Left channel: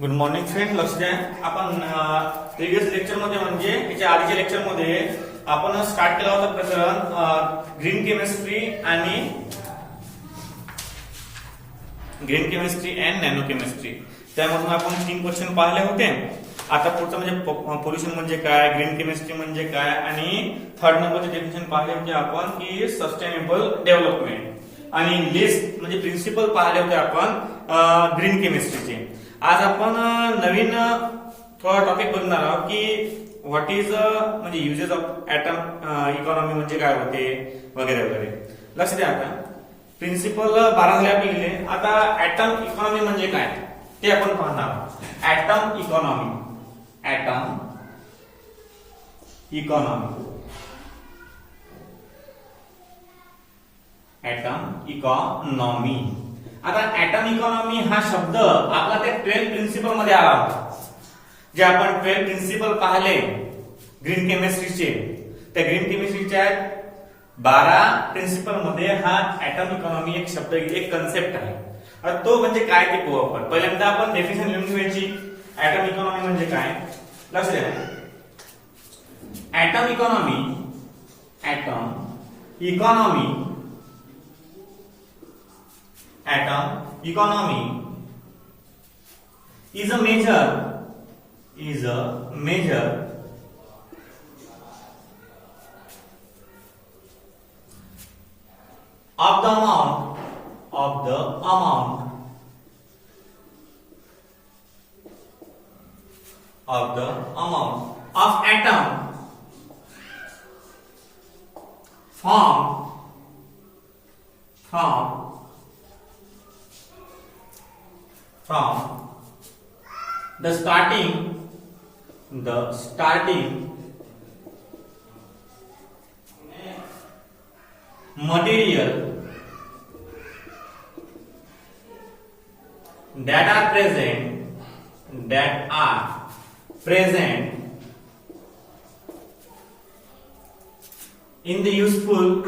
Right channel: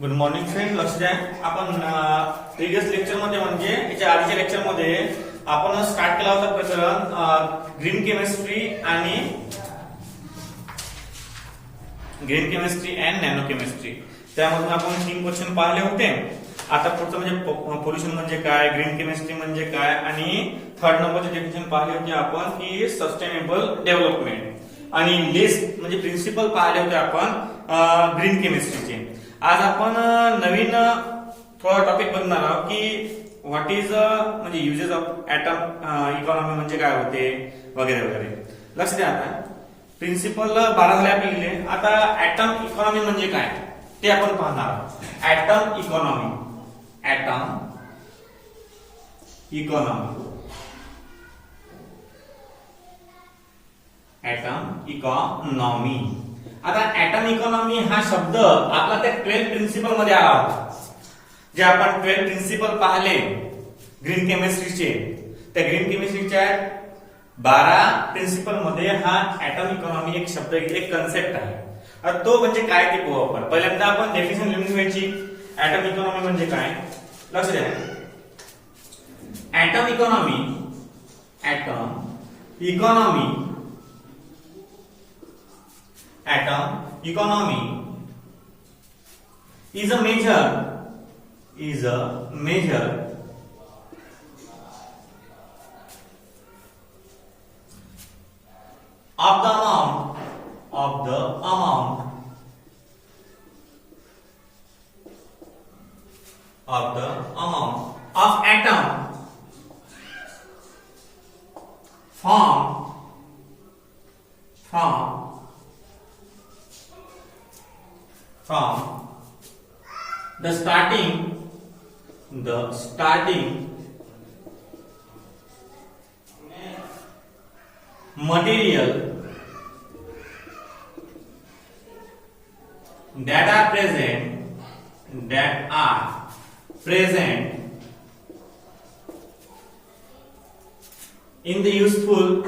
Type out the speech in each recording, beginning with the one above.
Good morning friend. लक्ष द्या. आपण प्रिव्हियस लेक्चर मध्ये म्हणजे याच्या आधीच्या लेक्चर मध्ये आपण स्टार्ट केला होता प्रकरण green chemistry and nano chemistry. त्यामधून आपण 3 क्वेश्चन पाहिले होते. आता पुढचं म्हणजे पोल्युशन म्हणजे काय, ग्रीन केमिस्ट्री म्हणजे काय आणि थर्ड नंबरचे डेफिनेशन पाहिले होते आपण की सस्टेनेबल डेव्हलपमेंट आणि लिस्ट म्हणजे प्रिन्सिपल पाहिले होते आपण ग्रीन केमिस्ट्रीचे. आज आपण नवीन थोडा टॉपिक बघणार आहोत की व्हॉट इज म्हणजे युजेस ऑफ ऍटम इकॉनॉमी म्हणजे काय होते वगैरे वगैरे. लक्ष द्या. आता प्रिन्सिपल 12 झाले आपले लिहिले. आता ऍटम इकॉनॉमी म्हणजे काय ते आपण पाहणार आहोत. ऍटम इकॉनॉमी आता ऍटम इकॉनॉमी हा शब्द आपला त्या 12 प्रिन्सिपल मध्ये आला होता. जे आपण 12 प्रिन्सिपल पाहिले ग्रीन केमिस्ट्रीचे, त्या ग्रीन केमिस्ट्रीच्या 12 प्रिन्सिपल मध्ये हा ऍटम इकॉनॉमी एक शब्द, एक कन्सेप्ट आहे. आता तो म्हणजे काय ते पाहू आपण. पहिल्यांदा आपण डेफिनेशन लिहून घ्यायची. ऍटम इकॉनॉमी म्हणजे काय लक्ष द्या. Atom economy is a measure of the amount of atom from the starting material that are present in the useful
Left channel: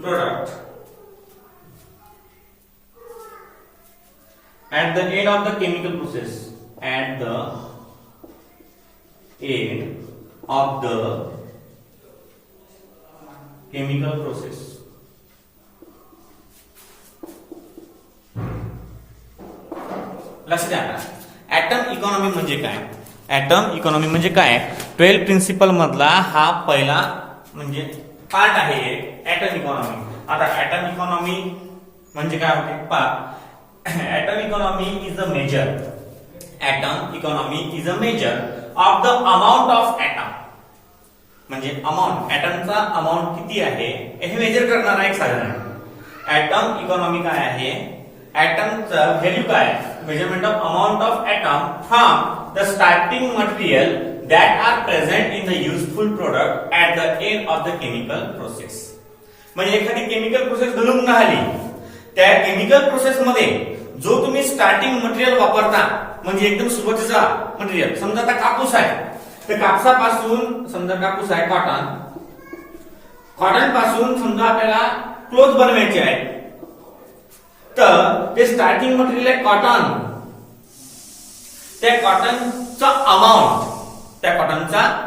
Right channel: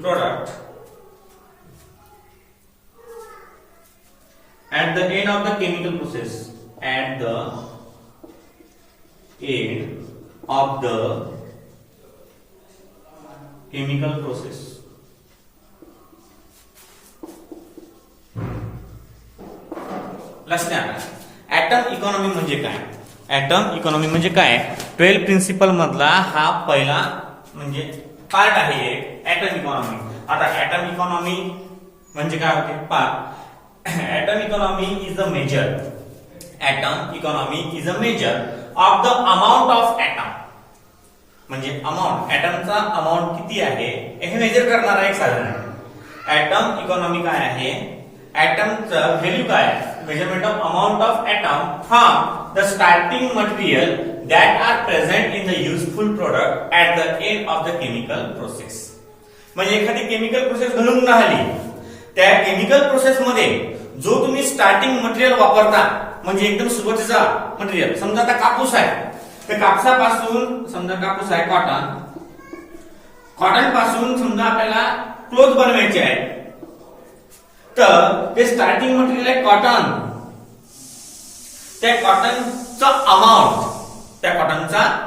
product at the end of the chemical process. लक्ष द्या. Atom economy म्हणजे काय. Atom economy म्हणजे काय, 12 principal मधला हा पहिला म्हणजे पार्ट आहे ऍटम इकॉनॉमी. आता ऍटम इकॉनॉमी म्हणजे काय होते पहा. Atom economy is a major of the amount of atom. म्हणजे अमाउंट, ऍटमचा अमाउंट किती आहे हे मेजर करणारा एक साधन आहे. ऍटम इकॉनॉमी काय आहे, ऍटमचं व्हॅल्यू काय आहे, measurement of amount of atom from the starting material that are present in the useful product at the end of the chemical process. म्हणजे एखादी केमिकल प्रोसेस घडून राहिली, त्या केमिकल प्रोसेस मध्ये जो तुम्ही स्टार्टिंग मटेरियल वापरता म्हणजे एकदम सुरुवातीचा मटेरियल, समजा आता कापूस आहे तर कापसापासून, समजा कापूस आहे कॉटन पासून समजा आपल्याला क्लोथ बनवायचे आहे, तर ते स्टार्टिंग मटेरियल आहे कॉटन. त्या कॉटनचा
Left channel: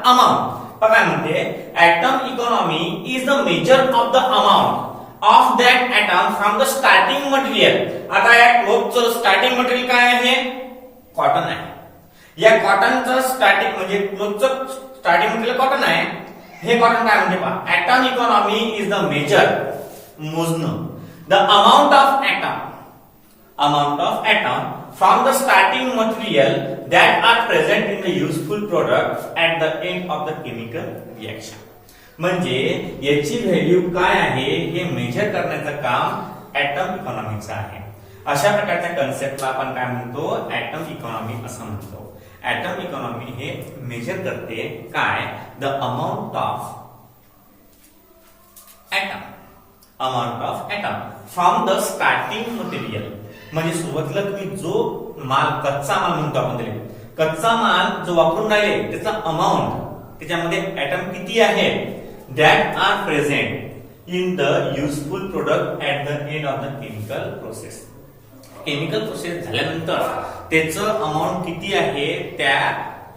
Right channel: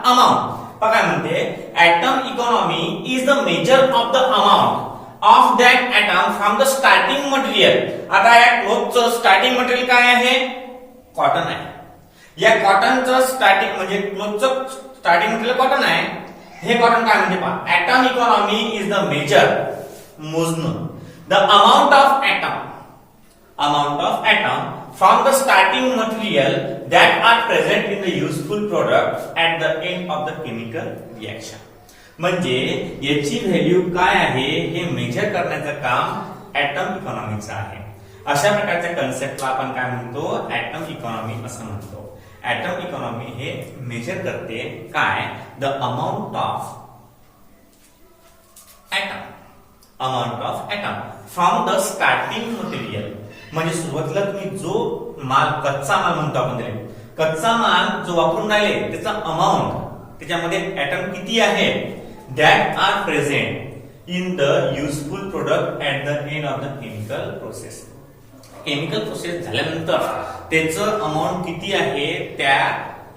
अमाउंट बघा म्हणते atom economy is the major of the amount of that atom from the starting material. आता या क्लोथचं स्टार्टिंग मटेरियल काय आहे, कॉटन आहे. या कॉटनचं स्टार्टिंग म्हणजे क्लोथचं स्टार्टिंग मटेरियल कॉटन आहे. हे कॉटन काय म्हणते पहा. Atom economy is the major, मोजणं, the amount of atom from the starting material that are present in the useful product at the end of the chemical reaction. म्हणजे याची value काय आहे हे मेजर करण्याचं काम ऍटम इकॉनॉमीचं आहे. अशा प्रकारच्या कन्सेप्टला आपण काय म्हणतो, ऍटम इकॉनॉमी असं म्हणतो. ऍटम इकॉनॉमी हे मेजर करते काय, the amount of atom from the starting material. म्हणजे सुरुवातीला तुम्ही जो माल, कच्चा माल म्हणतो आपण त्याला, कच्चा माल जो वापरून राहिले त्याचा अमाऊंट त्याच्यामध्ये ऍटम किती आहेत that are present in the useful product at the end of the chemical process. Chemical process झाल्यानंतर त्याचं अमाऊंट किती आहे त्या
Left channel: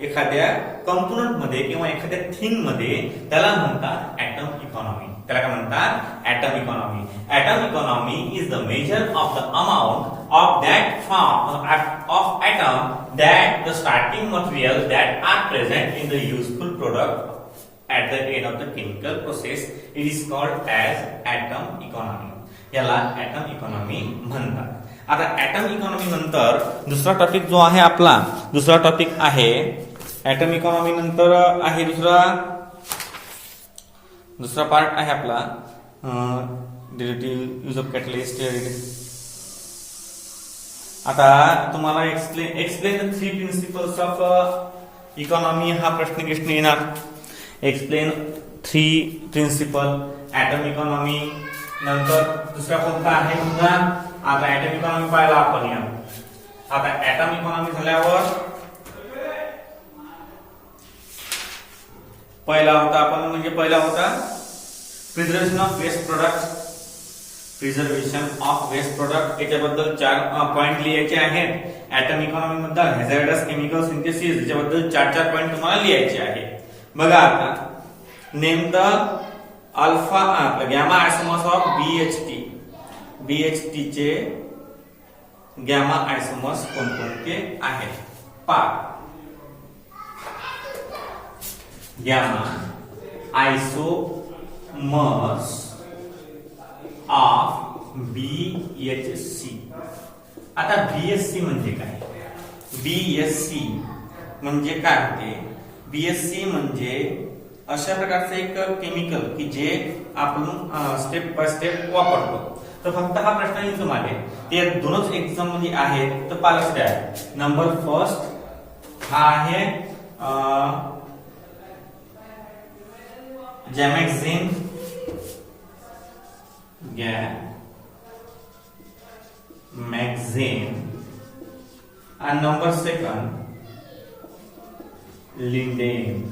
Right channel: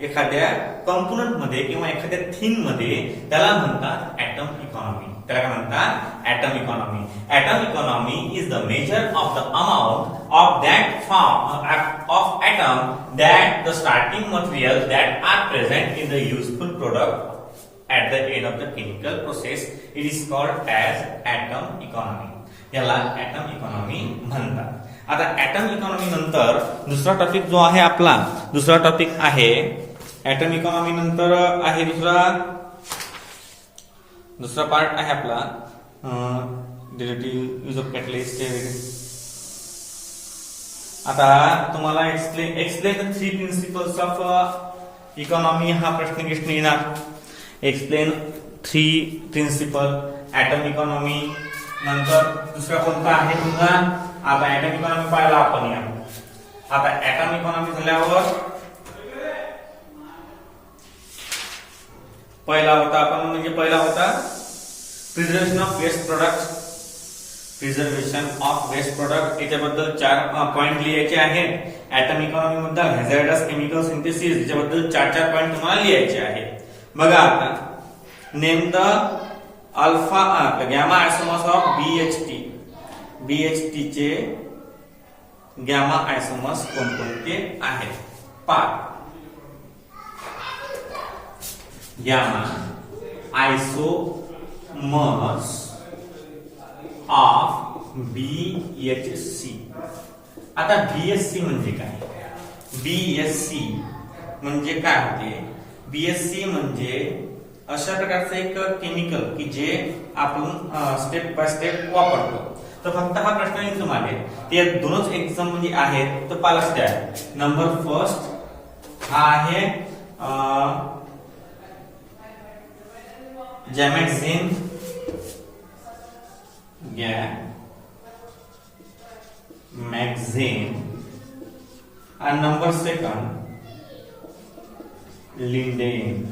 एखाद्या कंपोनंट मध्ये किंवा एखाद्या थिंग मध्ये, त्याला म्हणतात ऍटम इकॉनॉमी. त्याला काय म्हणतात? Atom economy. Atom economy is the major of the amount of that form of atom that the starting material that are present in the useful product at the end of the chemical process. It is called as atom economy. याला atom economy म्हणतात. आता atom economy नंतर दुसरा topic जो आहे आपला, दुसरा topic आहे ऍटम इकॉनॉमी नंतर आहे दुसरा पार्ट आहे आपला रिलेटिव्ह यूज ऑफ कॅटलिस्ट. आता तुम्हाला explain the 3 principles of economy हा प्रश्न येणार. Explain 3 principle atom economy. नंतर दुसरा कोणता आहे तुमचा? आता ऍटम इकॉनॉमी पाहिला आपण. या आता ऍटम इकॉनॉमी झाल्यावर पहिला होता preservation of waste product. Preservation of waste product याच्याबद्दल 4 पॉइंट लिहायचे आहेत. ऍटम इकॉनॉमी मध्ये हॅझार्डस केमिकल सिंथेसिस याच्याबद्दल 4 पॉइंट तुम्हाला लिहायचे आहेत. बघा आता name the alpha gamma isomers of BHT. BHT चे गॅमा आयसोमर्स कोणकोणते आहेत? Gamma isomers of BHC. आता बीएचसी म्हणजे काय? बीएचसी म्हणजे काय होते? बीएचसी म्हणजे अशा प्रकारचं एक केमिकल की जे आपण स्टेप बाय स्टेप वापरतो. तर फक्त हा प्रश्न येईल तुम्हाला, ते दोनच एक्झाम मध्ये आहेत. तर पालच द्या. नंबर फर्स्ट हा आहे गॅमॅक्झिन. आणि नंबर सेकंड लिंडेन.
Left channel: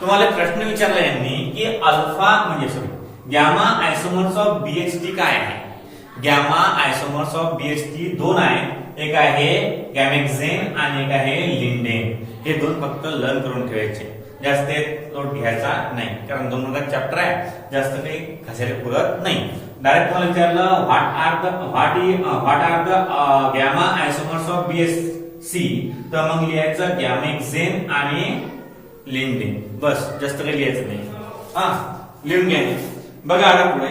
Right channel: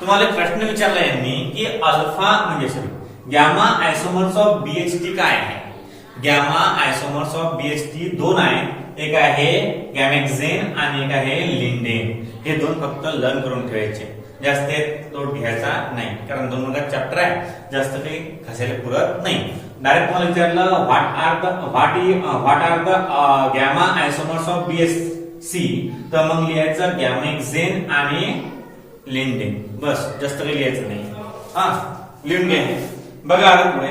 तुम्हाला प्रश्न विचारला यांनी की अल्फा म्हणजे गॅमा आयसोमर्स ऑफ बीएचटी काय आहे? गॅमा आयसोमर्स ऑफ बीएचटी 2 आहे. एक आहे गॅमॅक्झिन आणि एक आहे लिंडेन. हे 2 फक्त लर्न करून ठेवायचे. जास्त लोड घ्यायचा नाही, कारण 2 मार्काचा चॅप्टर आहे. जास्त काही घासायला पुरत नाही. डायरेक्ट तुम्हाला विचारलं what are the gamma isomers of BHC, तर मग लिहायचं गॅमॅक्झिन आणि लिंडेन. बस, जास्त काही लिहायचं नाही. लिहून घ्यायचे. बघा आता पुढे.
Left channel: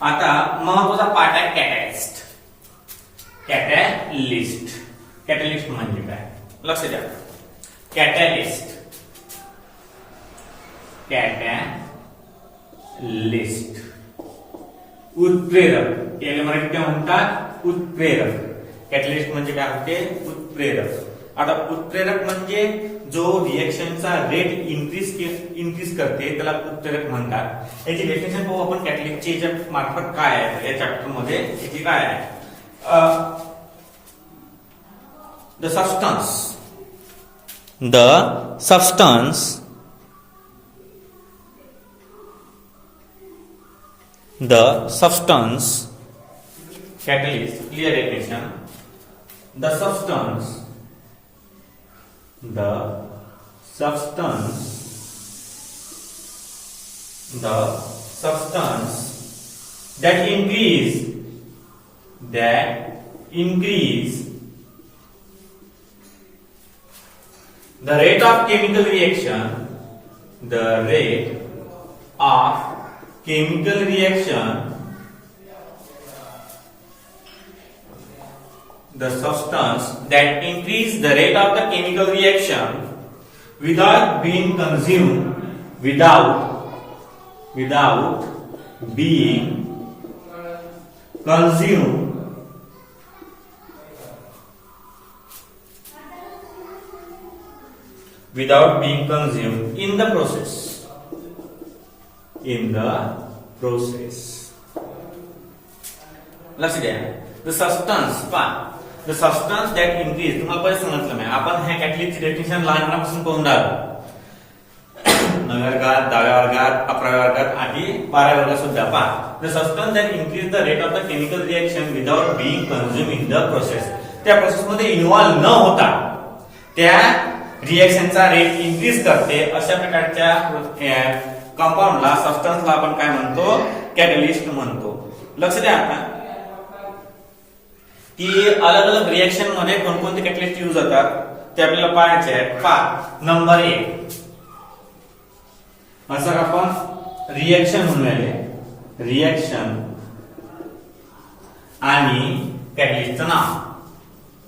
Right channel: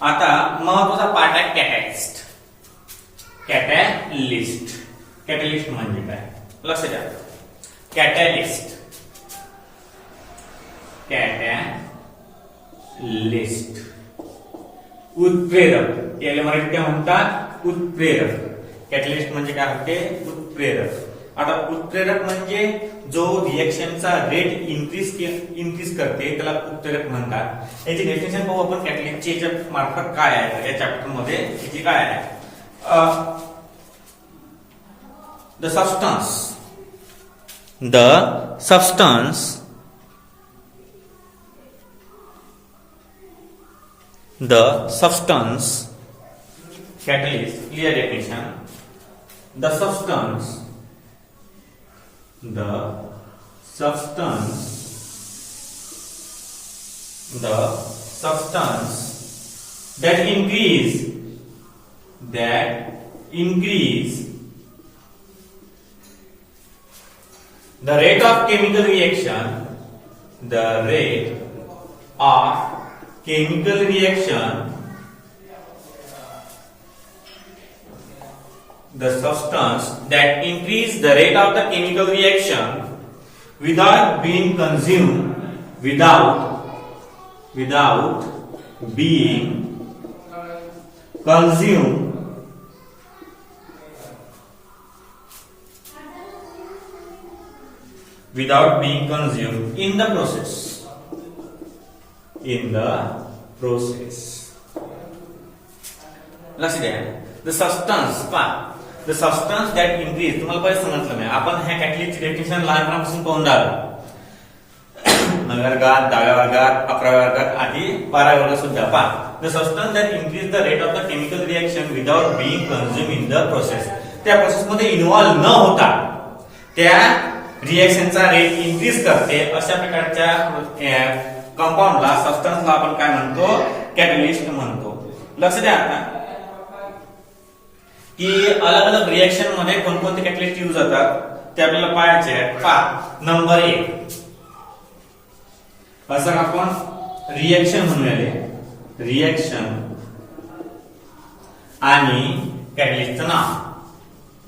आता महत्वाचा पार्ट आहे कॅटॅलिस्ट. कॅटॅलिस्ट म्हणजे काय? लक्ष द्या. कॅटॅलिस्ट उत्प्रेरक. याला मराठीत काय म्हणतात? उत्प्रेरक. कॅटॅलिस्ट म्हणजे काय होते? उत्प्रेरक. आता उत्प्रेरक म्हणजे जो रिएक्शनचा रेट इन्क्रीज करते त्याला उत्प्रेरक म्हणतात. याची डेफिनेशन पाहू आपण कॅटॅलिस्टची याच्या मार्फत काय आहे या चॅप्टर मध्ये. याची काय आहे? The substance catalyst. Clear definition. The substance that increase the rate of chemical reaction. The substance that increase the rate of the chemical reaction without being consumed, without being consumed in the process. Let's get the substance part. The substance that increase, तुम्हाला बरेच सांगितलं मी, आपण ह्या कॅटलिस्टची definition लहानपणापासून पाहून राहिलो. 9व्या वर्गात, 10व्या वर्गात, 11व्या वर्गात आणि 12व्या वर्गात सुद्धा पहा. The substance that increase the rate of the chemical reaction without being consume in the process, त्या प्रोसेस मध्ये इन्व्हॉल्व न होता त्या रिएक्शनचा रेट इन्क्रीज करते अशा प्रकारच्या कंपाऊंडला, सबस्टन्सला आपण काय म्हणतो, कॅटलिस्ट म्हणतो. लक्ष द्या आता की अलग अलग रिएक्शन मध्ये कोणकोणते कॅटलिस्ट यूज होतात ते आपल्याला पाहायचे आहेत. पहा, नंबर 1 असं आपण रिएक्शन म्हणूया, रिएक्शन आणि कॅटलिस्टचं नाव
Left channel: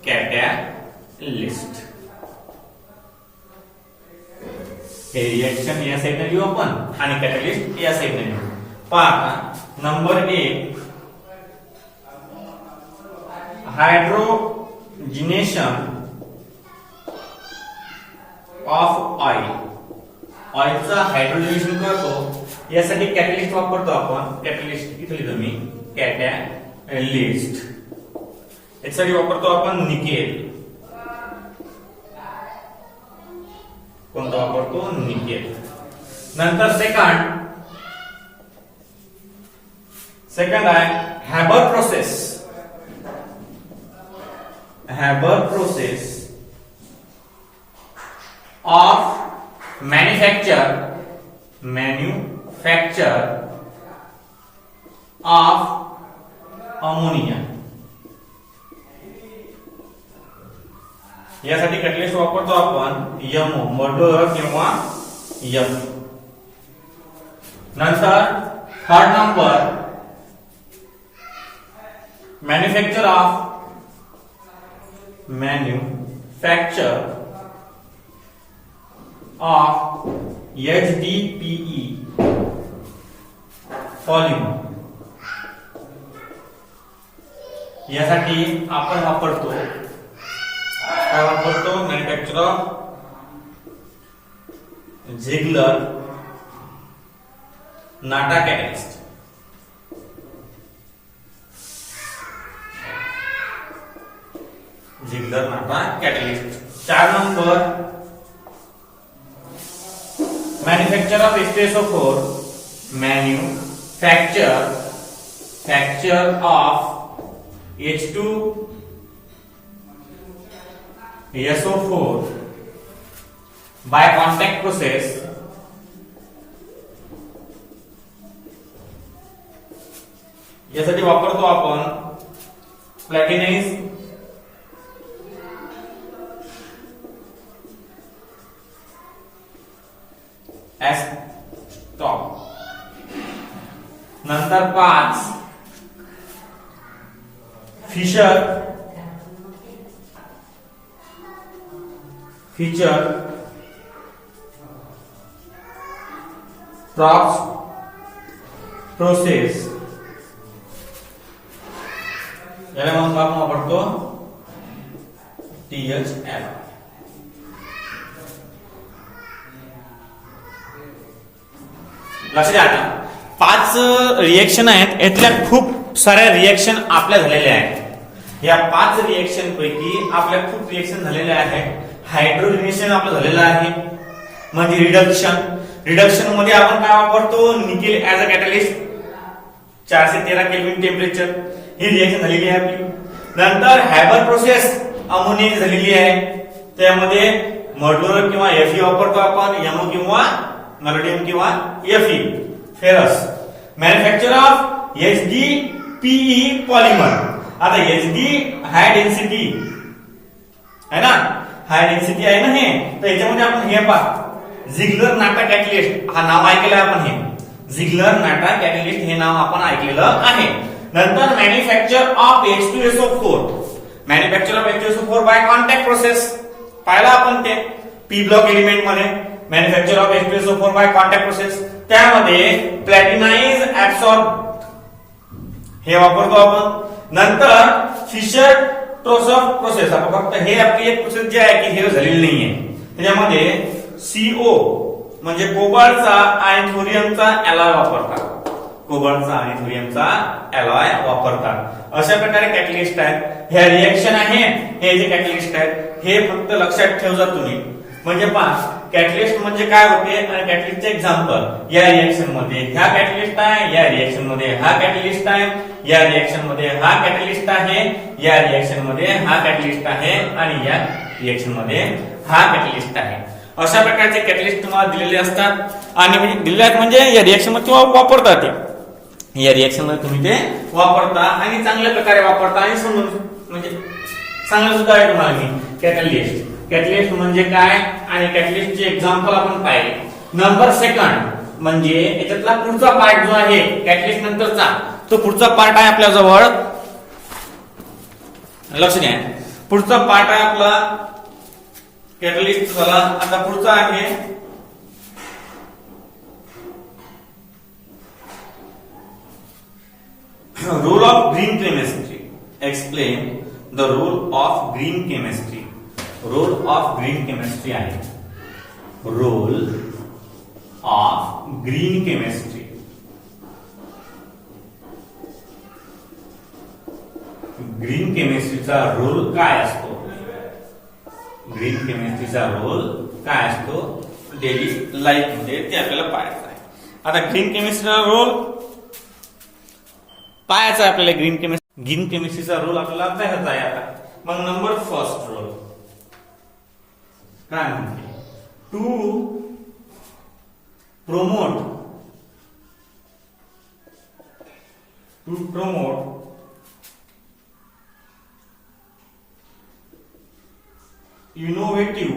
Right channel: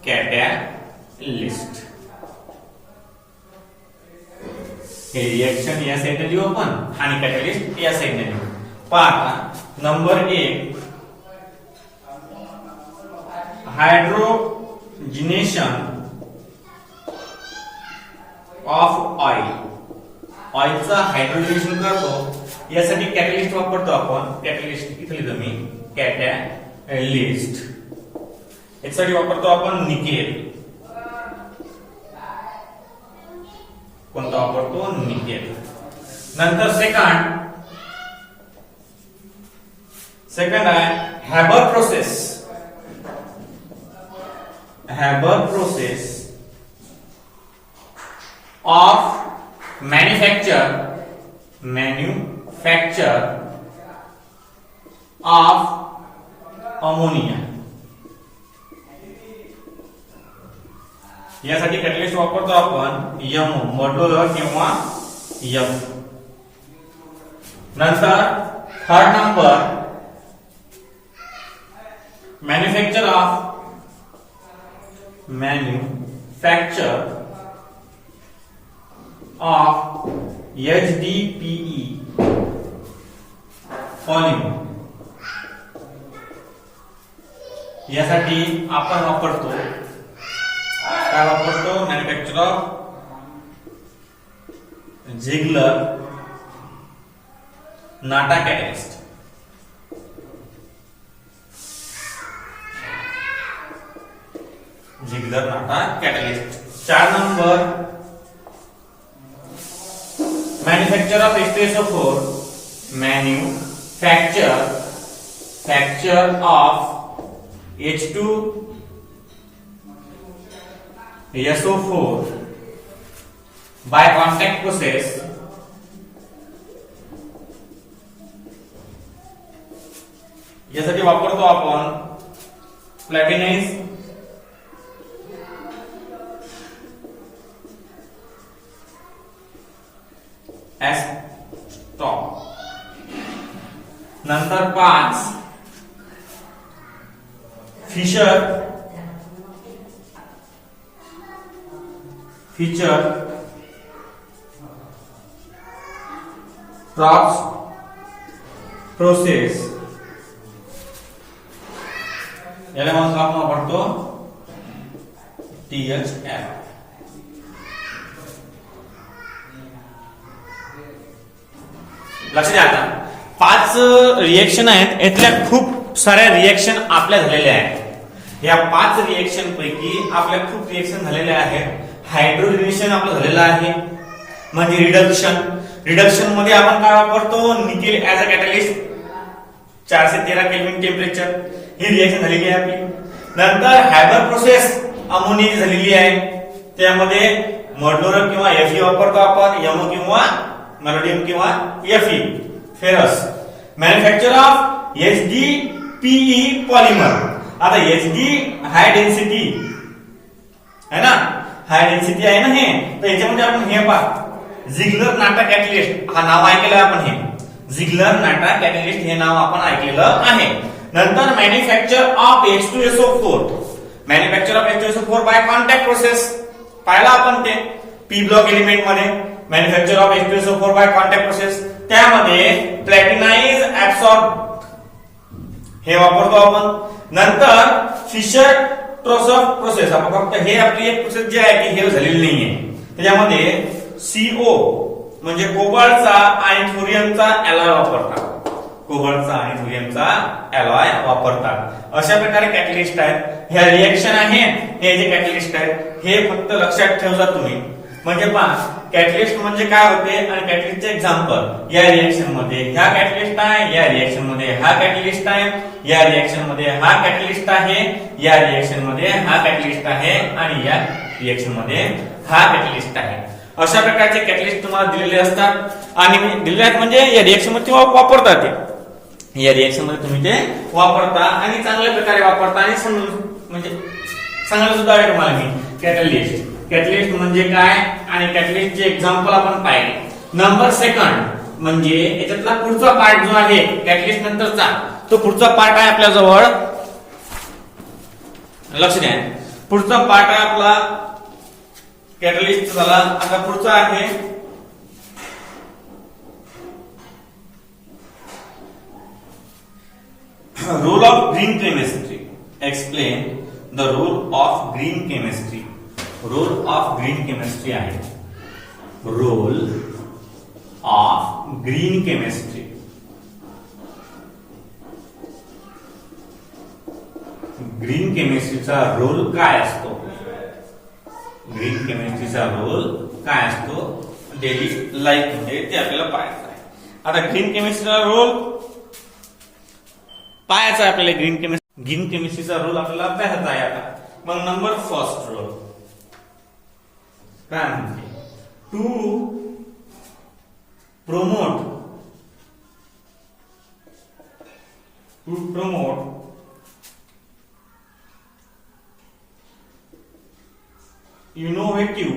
कॅटलिस्ट. हे रिएक्शन या साइडने लिहू आपण आणि कॅटलिस्ट या साइडने लिहू. पहा, नंबर 1 हायड्रोजिनेशन ऑफ ऑइल. ऑइलचं हायड्रोजिनेशन करतो यासाठी कॅटलिस्ट वापरतो आपण. कॅटलिस्ट इथे लिहितो मी, कॅटलिस्ट. यासाठी वापरतो आपण निकेल. कोणता वापरतो, निकेल. नंतर सेकंड आहे Haber process. Haber process of manufacture of ammonia. यासाठी कॅटलिस्ट वापरतो आपण यमो, मर्डोर किंवा यम. नंतर third number manufacture of HDPE polymer. यासाठी आपण वापरतो काय वापरतो, manufacture of Ziegler Natta catalyst. Ziegler Natta catalyst. 4 number manufacture of H2SO4, manufacture of H2SO4 by contact process. यासाठी वापरतो आपण प्लॅटिनाइज एस्टॉप. नंतर 5 फिशर ट्रॉप्स प्रोसेस. याला आपण काय वापरतो, THL. लक्षात घ्या, आता 5 रिएक्शन आहेत. यातल्या खूप साऱ्या रिएक्शन आपल्या झालेल्या आहेत. या 5 रिएक्शन पैकी आपल्या खूप रिएक्शन झालेल्या आहेत. हायड्रोजिनेशन आपलं झालेलं आहे, म्हणजे रिडक्शन मध्ये आपण काय वापरतो, nickel as a catalyst. 413 kelvin temperature he reaction झालेली आहे आपली. नंतर हॅबर प्रोसेस अमोनियाची झालेली आहे. त्यामध्ये मर्डोर किंवा Fe वापरतो आपण, यमो किंवा मॅलोडियम किंवा Fe, ferrous. Manufacture of HDPE polymer. आता HD हाय डेन्सिटी है ना, हाय डेन्सिटी आहे ना हे, तर याच्यामध्ये आपण हे पहा, झिगलर नाटा कॅटलिस्ट हा नाव ऐकलेलं आहे आपण. हे झिगलर नाटा कॅटलिस्ट हे नाव आपण ऐकलेलं आहे. नंतर manufacture of H2SO4, manufacture of H2SO4 by contact process पाहिला आपण. ते पी ब्लॉक एलिमेंट मध्ये manufacture of H2SO4 by contact process, त्यामध्ये प्लॅटिनाइज ऍब्सॉर्ब हे वापरतो आपण. नंतर फिशर ट्रोसॉफ प्रोसेस, आपण फक्त हे आपली एक प्रोसेस जी आहे की हे झालेली नाहीये. त्याच्यामध्ये CO म्हणजे कोबाल्टचा आणि थोरियमचा अलॉय वापरतात. कोबाल्टचा आणि सोडियमचा अलॉय वापरतात. अशा प्रकारे कॅटलिस्ट आहेत. ह्या रिएक्शन आहे, हे जे कॅटलिस्ट आहेत हे फक्त लक्षात ठेवजा तुम्ही. म्हणजे पहा कॅटलिस्ट म्हणजे काय होते आणि कॅटलिस्टचे एक्झाम्पल. या रिएक्शन मध्ये ह्या कॅटलिस्ट आहे, या रिएक्शन मध्ये हा कॅटलिस्ट आहे, या रिएक्शन मध्ये हा कॅटलिस्ट आहे, या रिएक्शन मध्ये हा कॅटलिस्ट आहे आणि या रिएक्शन मध्ये हा कॅटलिस्ट आहे. अशा प्रकारचे कॅटलिस्ट तुम्हाला दिलेले असतात आणि दिलेले आहेत म्हणजे या रिएक्शन मध्ये वापरतात ते. या रिएक्शन मध्ये तुम्ही ते वापरता आणि चांगल्या प्रकारे वापरता आणि समजून म्हणजे चांगलं सुद्धा आहे तुम्हाला मी कॅटलिस्ट. कॅटलिस्ट म्हणजे काय आणि कॅटलिस्टचे एक्झाम्पल आपण पाहिले. नंबर सेकंड म्हणजे याच्यातला पुढचा पार्ट जो आहे कॅटलिस्ट नंतरचा, तो पुढचा पार्ट आहे आपल्या जवळ. लक्ष द्या, पुढचा पार्ट आहे आपला कॅटलिस्ट झाला. आता पुढचा आहे role of green chemistry. Explain the role of green chemistry. Role of green chemistry आहे. Role of green chemistry. Green केमिस्ट्रीचा रोल काय असतो? ग्रीन केमिस्ट्रीचा रोल काय असतो डेली लाईफ मध्ये ते आपल्याला पाहायचं आहे. आता ग्रीन केमिस्ट्रीचा रोल पाहायचा आपल्याला. ग्रीन केमिस्ट्रीचा रोल आपल्याला अभ्यासाचा आहे. आता मग नंबर फर्स्ट रोल काय म्हणते? To promote innovative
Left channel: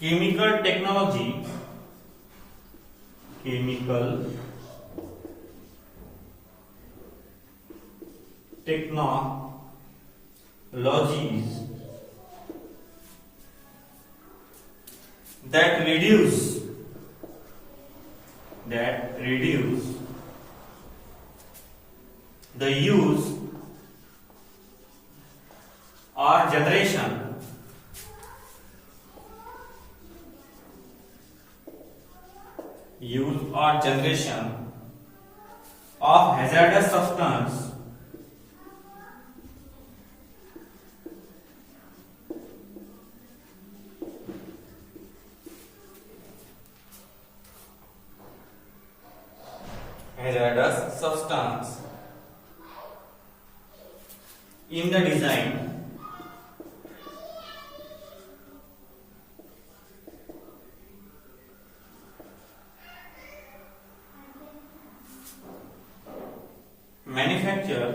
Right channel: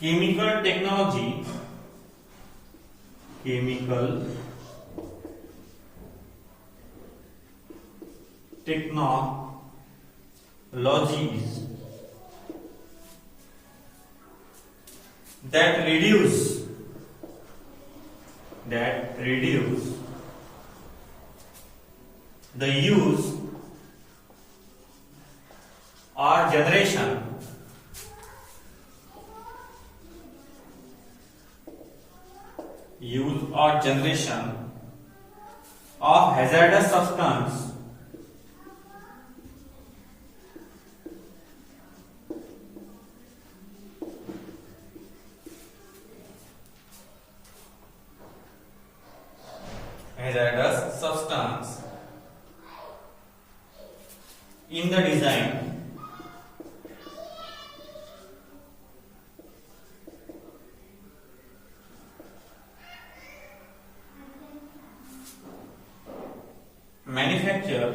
chemical technologies that reduce the use or generation of hazardous substance in the design manufacture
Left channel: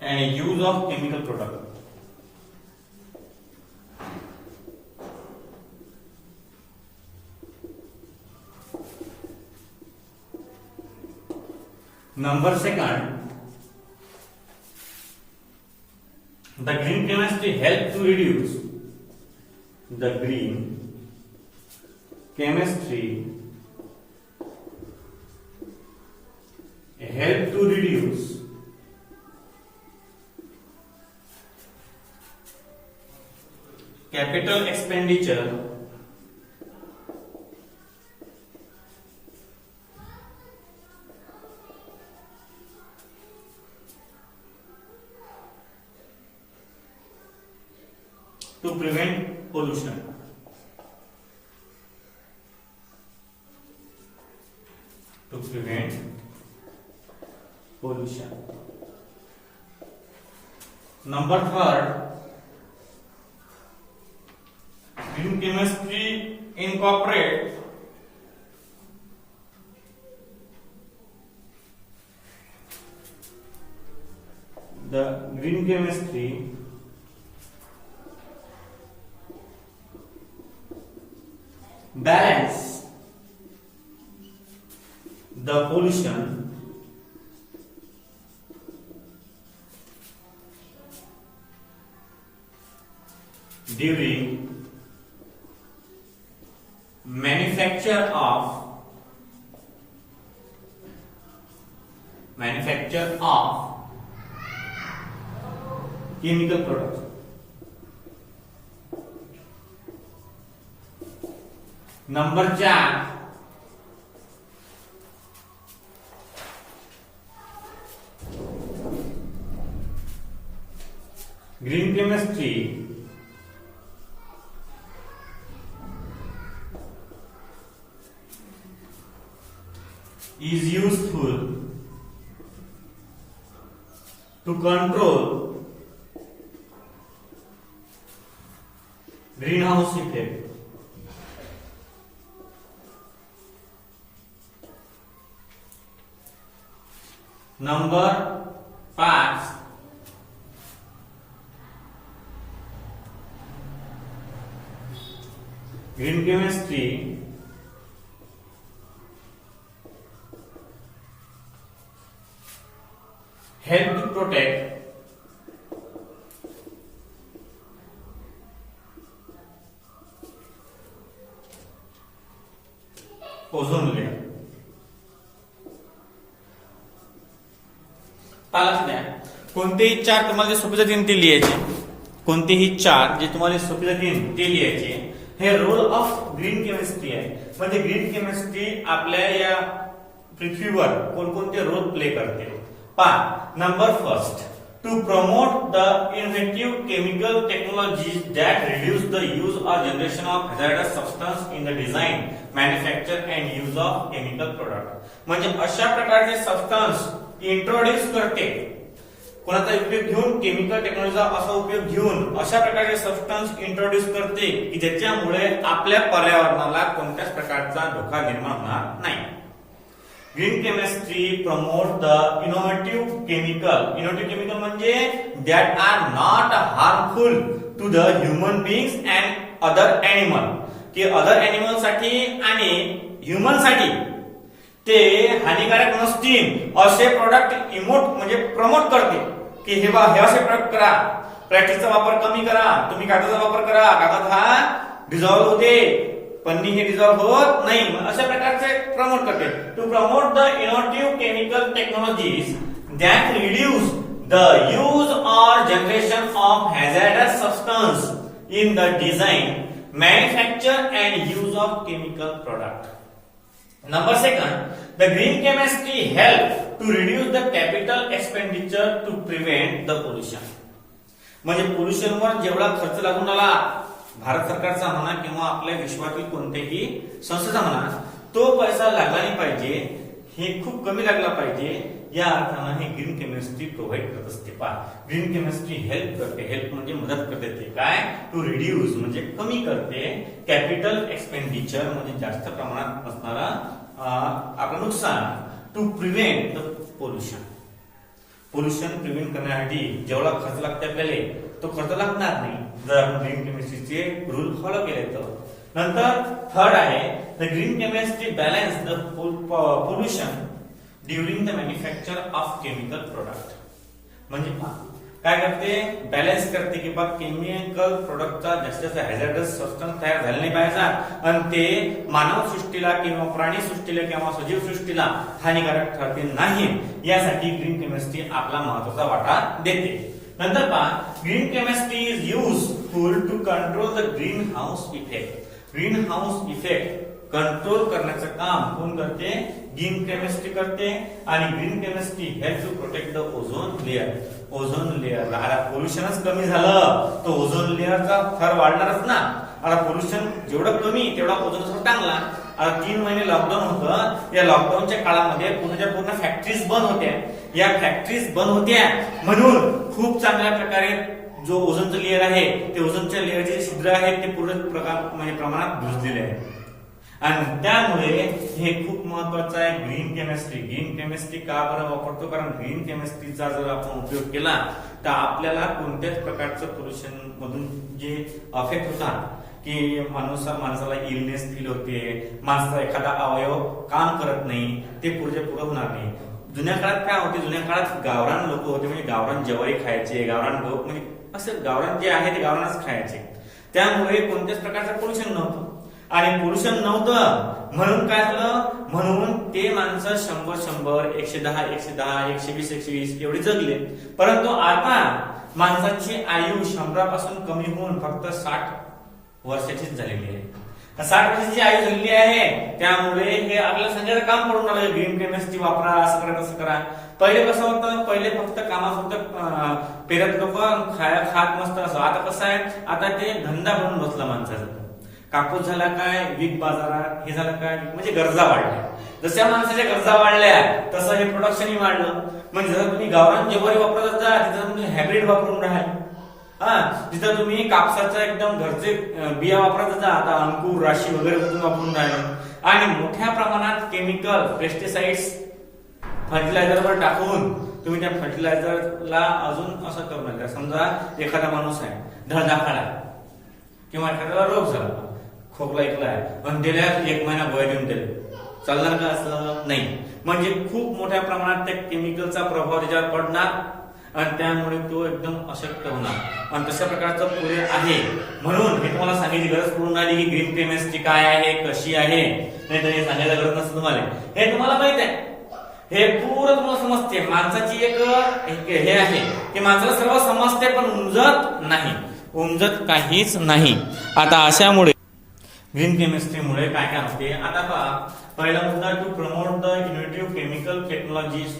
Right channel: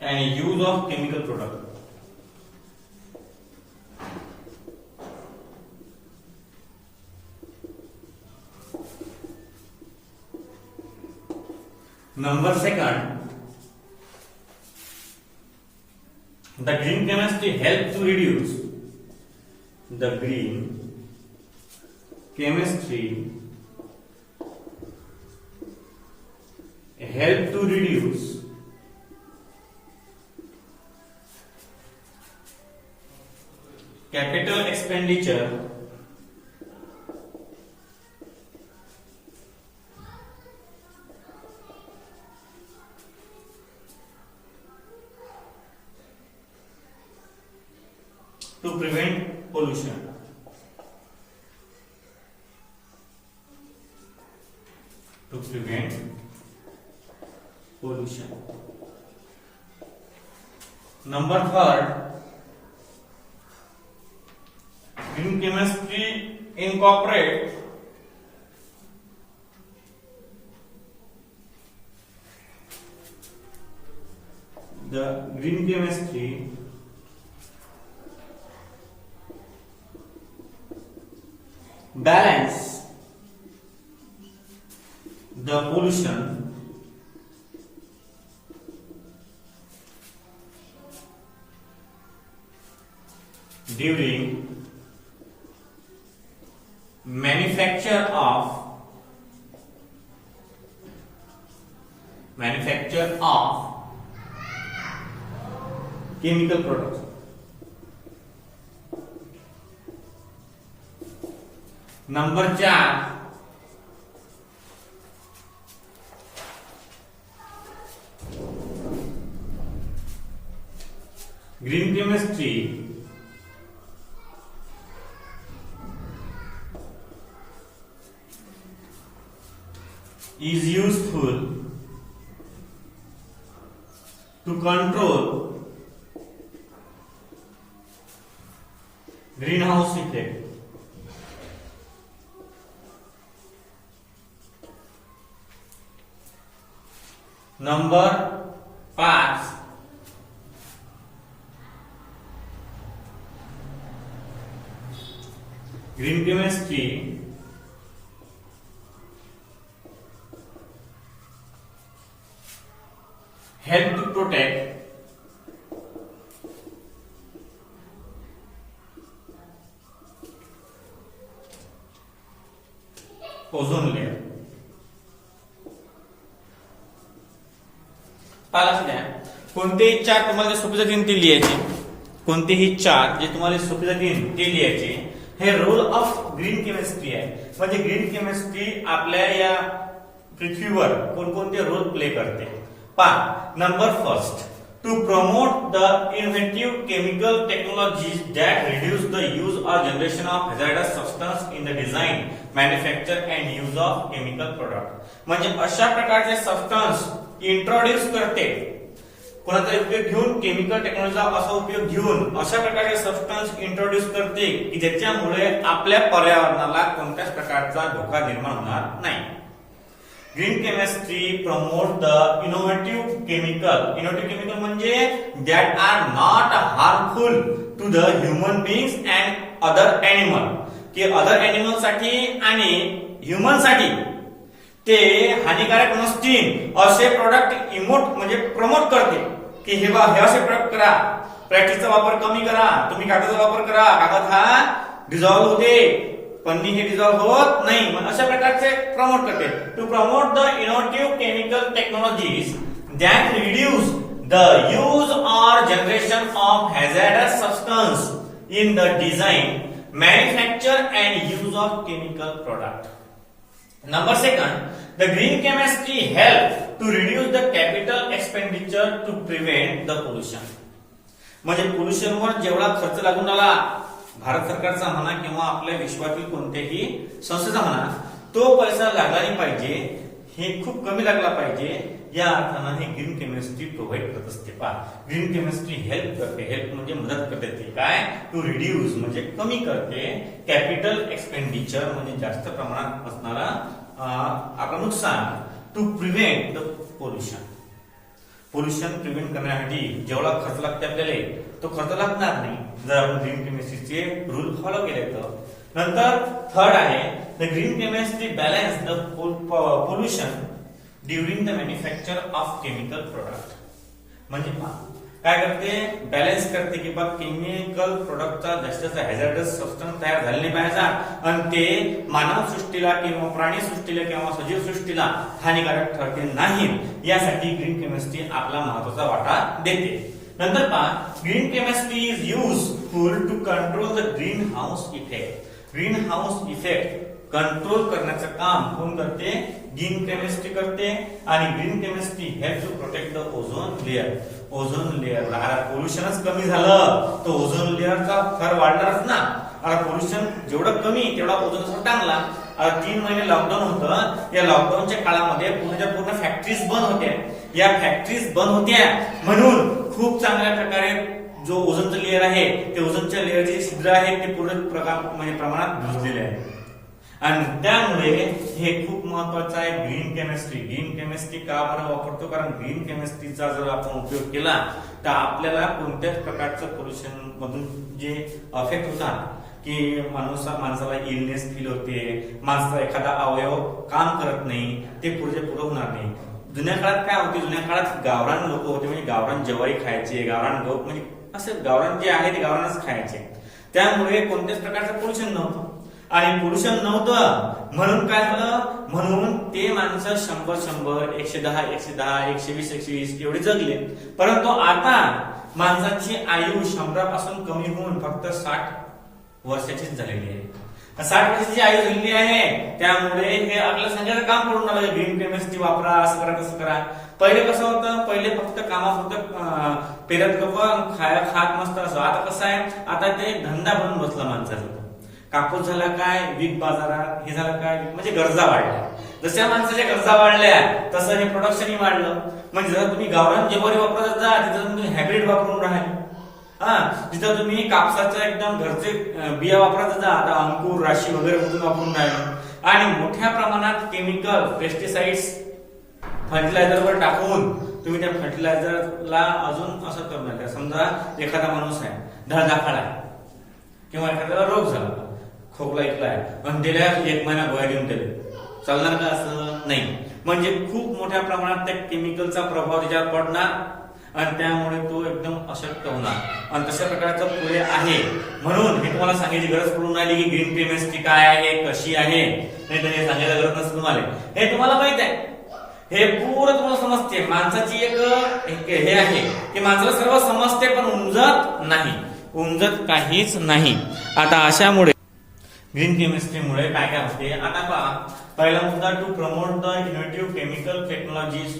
and use of chemical product. Number second, the green chemistry help to reduce. The green chemistry help to reduce capital expenditure to prevent pollution. Number third, green chemistry incorporate the green chemistry balance the pollution during manufacture of chemical product. Number 4 green chemistry is useful to control greenhouse effect. Number 5 green chemistry help to protect ozone layer. कोणतेही चार तुम्हाला जे सोपी जातील ते लिहायचे. कोणतेही चार जे तुम्हाला सोपी जातील ते लिहायचे. हे रोल ऑफ ग्रीन केमिस्ट्री आहे. म्हणजे ग्रीन केमिस्ट्री आपल्या या पृथ्वीवर कोणकोणते रोल प्ले करते पहा. Number first, to promote the innovative chemical technologies that reduce the use or generation of hazardous substance in the design, manufacture and use of chemical product. म्हणजे अशा प्रकारचे सबस्टन्स इंट्रोड्यूस करते. कोणाचा उपयोग घेऊन, केमिकल टेक्नॉलॉजीचा असा उपयोग घेऊन अशा प्रकारचे सबस्टन्स इंट्रोड्यूस करते की ज्याच्यामुळे आपल्या पर्यावरणाला कोणत्याच प्रकारचा धोका निर्माण होणार नाही. Green chemistry promote the innovative chemical म्हणजे that are not harmful to the human beings and other animal. की अदर एनिमल साठी आणि ह्युमन साठी ते हानिकारक नसतील असे प्रोडक्ट म्हणजे प्रमोट करते की हे असे प्रोडक्ट करा, प्लॅस्टिकचा वापर कमी करा, तुम्ही कागदाचा वापर करा, कागद हा डिझॉल्व्ह होते, पन्नी हे डिझॉल्व्ह होत नाही. अशा प्रकारचे प्रमोट करते. To promote the innovative chemical technologies that reduce the use or generation of hazardous substance in the design, manufacture and use of chemical product. Number second, the green chemistry help to reduce the capital expenditure to prevent the pollution. म्हणजे पोल्युशनवर जेवढा खर्च लागून आला भारत सरकारचा म्हणा किंवा आपल्या विश्वातील कोणत्याही संस्थेचा म्हणा, तो पैसा लागला नाही पाहिजे, हे खूप कमी लागला पाहिजे. या अर्थानं हे ग्रीन केमिस्ट्री प्रोव्हाइड करत असते. पहा, ग्रीन केमिस्ट्री हेल्प करते. हेल्प म्हणजे मदत करते. ते काय, टू रिड्यूस म्हणजे कमी करते, कॅपिटल एक्सपेंडिचर म्हणजे जास्त प्रमाणात असणारा आपलं नुकसान, to prevent the pollution prevent करण्यासाठी जेवढा खर्च लागते आपल्याला तो खर्च लागणार नाही जर आपण ग्रीन केमिस्ट्रीचे रूल फॉलो केले तर. नंतर थर्ड आहे, the green chemistry balance the pollution during the manufacture of chemical product. म्हणजे काय करते, बॅलन्स करते की बघ केमिकल प्रोडक्टचा जास्त हॅझार्डस सबस्टन्स तयार झाले नाही पाहिजे आणि ते मानव सृष्टीला किंवा प्राणी सृष्टीला किंवा सजीव सृष्टीला हानिकारक ठरते नाही, यासाठी ग्रीन केमिस्ट्री आपला महत्वाचा वाटा देते. नंतर पहा, green chemistry is useful to control the green house effect. Green house effect control करण्याचं काम कोण करते, ग्रीन केमिस्ट्री करते. आणि green chemistry help to protect the ozone layer. Ozone layer, आता पोल्युशनच कमी झालं तर ओझोन लेअरचा थर वाढणारच ना. आता पोल्युशन जेवढं कमी तेवढा ओझोन चांगला. आता 3 महिने लॉकडाऊन होतं. या लॉकडाऊनच्या काळामध्ये पूर्णच्या पूर्ण फॅक्टरीज बंद होत्या. या फॅक्टरीज बंद होत्या म्हणून खूप चांगल्या प्रकारे जो ओझोनचं लेअर आहे ते ओझोनच्या लेअरचे छिद्र आहेत ते पूर्ण म्हणजे प्रमाणात भिजलेले आहेत. आणि त्यामुळे हे खूप महत्वाचं आहे ग्रीन केमिस्ट्री. ग्रीन केमिस्ट्री का बरं वापरतो, कारण ग्रीन केमिस्ट्रीचा जर आपण उपयोग केला तर आपल्याला कोणत्याच प्रकारचं पोल्युशन मधून जे अफेक्ट होतात की माणसाला इलनेस फील होते, माणसाचा एखादा अवयव काम करत नाही, ते पुढे होणार नाही. जुन्या काळात काय होते, जुन्या काळात गावरान लोक होते, म्हणजे गावरान ज्वारी खायचे, गावरान गहू, म्हणजे असं गावरान जे आहे ते गावरानच खायचे. त्यामुळे कोणत्याच प्रकारचं पोल्युशन नव्हतं. आणि पोल्युशन नव्हतं म्हणून काय झालं, म्हणून ते माणसं 100 110 120 एवढे जगले. परंतु आता माणसाची आयु 100 पासून कमी होऊन फक्त 60 वर्षाचीच झालेली आहे. 60 वर्षाची आयु झालेली आहे. त्यामुळे हे आपल्याला सांगायचं काम पडून आलं, ग्रीन केमिस्ट्री वापरा, असं करा तसं करा. पहिले कसं होतं, पहिले फक्त कामापुरतं पेरत लोक खात मस्त असं. आता कसं आहे, आता ते धंदा बनून बसला माणसाचा. कापूस झाला काय वीक बाजारात, हे झालं काय म्हणजे गरजा वाढल्या. जशा माणसाच्या गरजा वाढल्या तसं हे प्रोडक्शनही वाढलं. म्हणजे जर तुम्ही गावरान ज्वारी वापरत जा तिथं तुम्ही हायब्रिड वापरून राहाल. जिथं तुम्ही कापसाच्या एकदम घरचे बिया वापरत जा, आता अंकुर राशी वगैरे कुठून वापरून राहिले. आणि मोठ्या प्रमाणात केमिकल पेस्टिसाइड्स फर्टिलायझरवर टाकून तुम्ही त्या फर्टिलायझरला अजून असं करू नका. समजा एखादा माणूस आहे धडधाकळा किंवा एखाद्याला रोग झाला, खोकला ऐकलाय आणि दिल्या 1 महिना गोळ्या देऊन दिले, चालणार का? असं नाही. म्हणजे खूप मोठ्या प्रमाणात त्या केमिकलचा प्रभाव त्याच्यावर पडणार आणि त्यामुळे तो एकदम अशक्त होणार. आणि तशा प्रकारचं पुढे आहे. म्हणून मी तुम्हाला सांगायची गरज पडून आली की ग्रीन केमिस्ट्री काय आहे, कशी आहे. नाही तर हे सांगायला गरज नसते तुम्हाला, हे तुम्हाला माहित आहे. हे पूर्ण तुम्हाला समजते. माणसाची एक हे आहे की माणसाला सर्व समजते पण उमजत काहीच नाही. आता अशामुळे ग्रीन केमिस्ट्रीमुळे काय काय होते आता पहा. पहिला मुद्दा, to promote the innovative chemical technologies,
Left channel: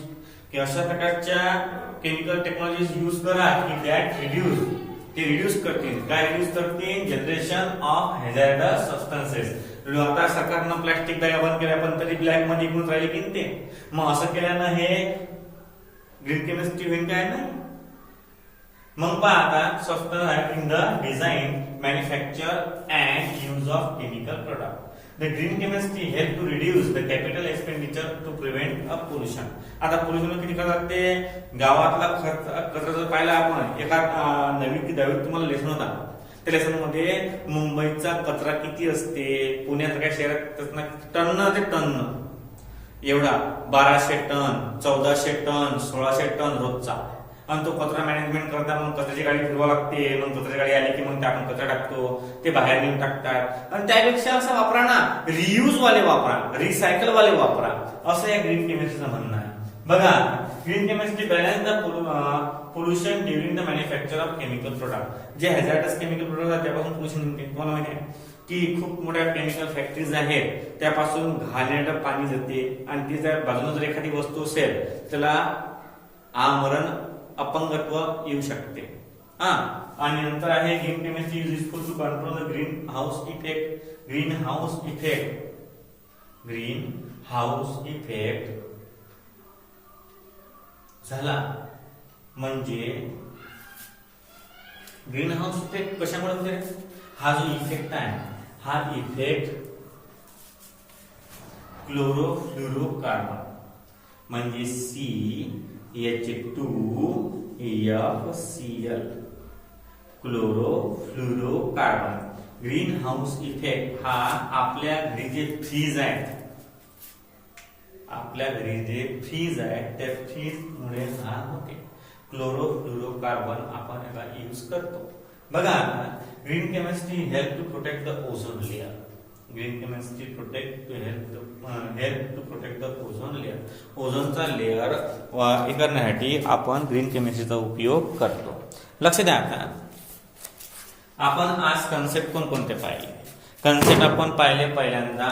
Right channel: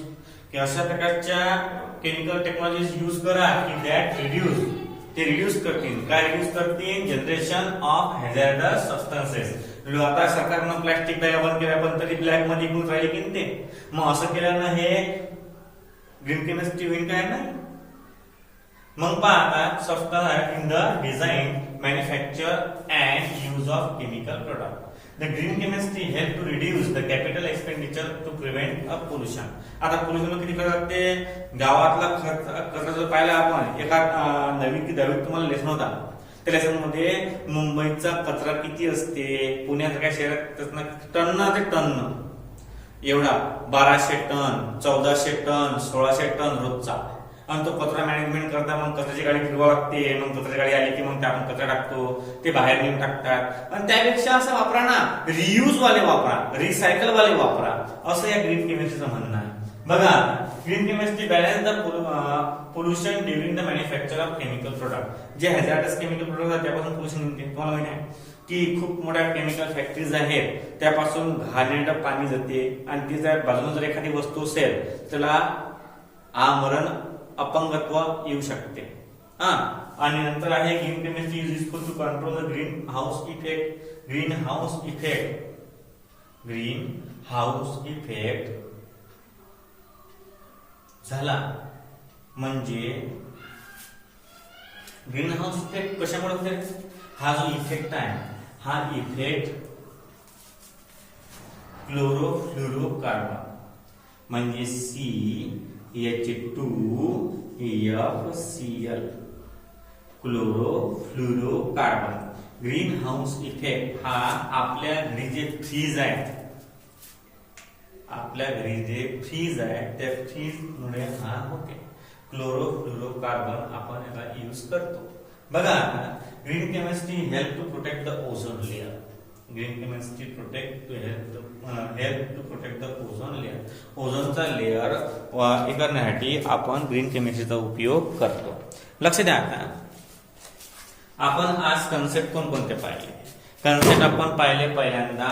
की अशा प्रकारच्या केमिकल टेक्नॉलॉजीज यूज करा की दॅट रिड्यूस करतील. काय रिड्यूस करतील? Generation of hazardous substances. आता सरकारनं प्लॅस्टिक बॅग बंद केल्या पण तरी ब्लॅक मध्ये विकून राहिले की ते. मग असं केल्यानं हे ग्रीन केमिस्ट्री होईल काय नाही. मग पहा आता, substance in the design, manufacture and use of chemical product. The green chemistry help to reduce the capital expenditure to prevent a pollution. आता पोल्युशन किती करतात ते गावातला कचरा जर पाहिला आपण, एका 9वी की 10वीत तुम्हाला लेसन होता. त्या लेसन मध्ये मुंबईचा कचरा किती असते, पुण्यासारख्या शहरात टन ते टन एवढा, 1200 टन 1400 टन 1600 टन रोजचा. आणि तो कचरा मॅनेजमेंट करता मग कचऱ्याची गाडी फिरवा लागते. मग कचऱ्याची गाडी आली की मग ते आपण कचरा टाकतो, ते बाहेर नेऊन टाकतात. आणि त्यापेक्षा असं वापरा ना, रियूज वाले वापरा, रिसायकल वाले वापरा, असं या ग्रीन केमिस्ट्रीचं म्हणणं आहे. बघा, green chemistry balance the pollution during the manufacture of chemical product. जे हॅझार्डस केमिकल प्रोडक्ट आहेत त्यापासून पोल्युशन होते. तुम्हाला माहिती आहे की खूप मोठ्या केमिकल फॅक्टरीज आहेत, त्यापासून घाणेरडं पाणी जाते. आणि ती जर बाजूला जर एखादी वस्तू असेल त्याला आमरण अपंगत्व येऊ शकते. आणि नंतर आहे green chemistry is useful to control the green house effect झाला. म्हणजे ग्रीन हाऊस इफेक्ट कशामुळे होते? हा जो इफेक्ट आहे, हा इफेक्ट क्लोरोफ्लोरोकार्बन म्हणजे CH2FCl, chlorofluorocarbon. Green house effect हा आपल्या घरी जे फ्रीज आहे, त्या फ्रीज मुळे हा होते. क्लोरोफ्लोरोकार्बन आपण याला यूज करतो. बघा, green chemistry help to protect the ozone layer. Green chemistry help to protect the ozone layer. ओझोनचा लेअर करण्यासाठी आपण ग्रीन केमिस्ट्रीचा उपयोग करतो. लक्ष द्या. आपण आज कन्सेप्ट कोणते पाहिले? कन्सेप्ट आपण पाहिले पहिल्यांदा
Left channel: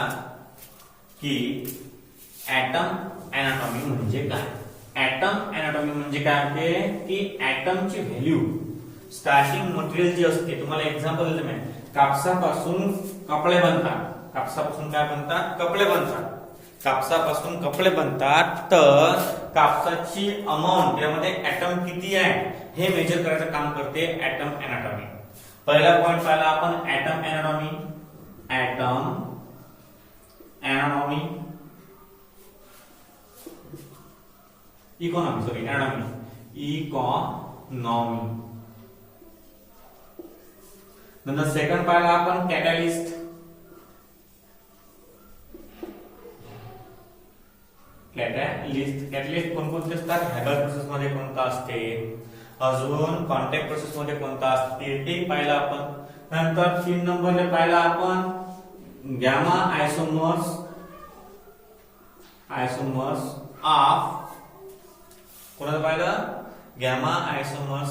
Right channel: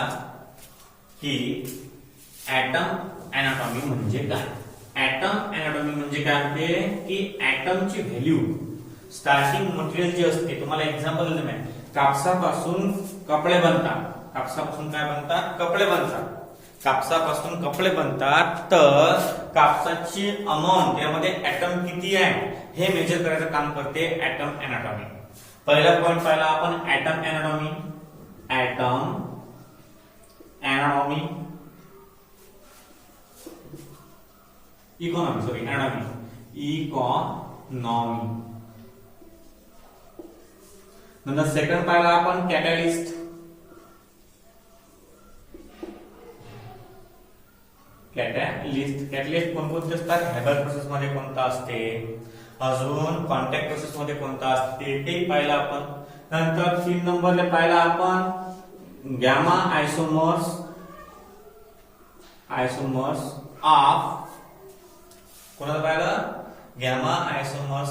की ऍटम अनाटॉमी म्हणजे काय. ऍटम अनाटॉमी म्हणजे काय होते की ऍटमची व्हॅल्यू, स्टार्टिंग मटेरियल जे असते. तुम्हाला एक्झाम्पल देतो मी. कापसापासून कपडे बनतात. कापसापासून काय बनतात? कपडे बनतात. कापसापासून कपडे बनतात. तर कापसाची अमाऊंट, त्यामध्ये ऍटम किती आहे हे मेजर करायचं काम करते ऍटम अनाटॉमी. पहिला पॉइंट पाहिला आपण ऍटम अनाटॉमी. इकॉनॉमी. नंतर सेकंड पाहिला आपण कॅटॅलिस्ट. कॅटॅलिस्ट कोणकोणते असतात? हेबल प्रोसेस मध्ये कोणता असते, अजून कॉन्टॅक्ट प्रोसेस मध्ये कोणता असते ते पाहिला आपण. नंतर 3 नंबरला पाहिला आपण गॅमा आयसोमर्स ऑफ कोणाचं पाहिलं गॅमा आयसोमर्स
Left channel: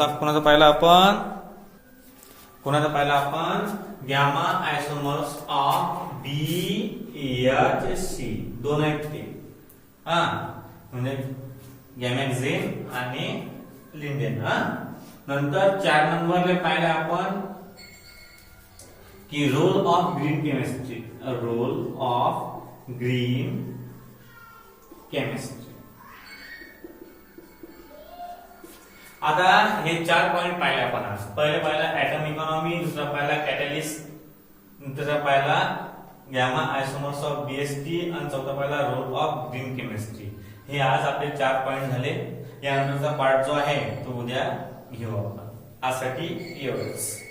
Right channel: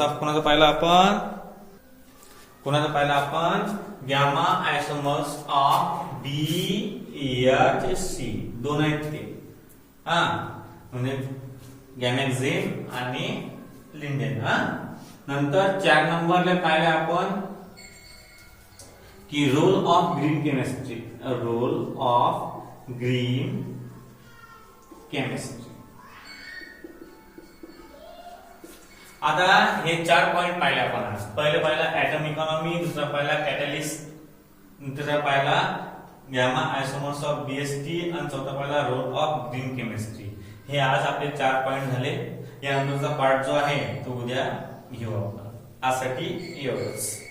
ऑफ कोणाचं पाहिलं आपण गॅमा आयसोमर्स ऑफ DHC दोन आहेत ते हा म्हणजे गॅमॅक्झिन आणि लिंडेन हा नंतर 4 नंबरले पाहिलं आपण की रोल ऑफ ग्रीन केमिस्ट्री आता हे 4 पॉइंट पाहिले आपण आज पहिला ऍटम इकॉनॉमी दुसरा पाहिला कॅटलिस्ट तिसरा पाहिला गॅमा आयसोमर्स ऑफ BST आणि चौथा पाहिला रोल ऑफ ग्रीन केमिस्ट्री हे आज आपले 4 पॉइंट झाले यानंतरचा पार्ट जो आहे तो उद्या घेऊ आपण आजसाठी एवढंच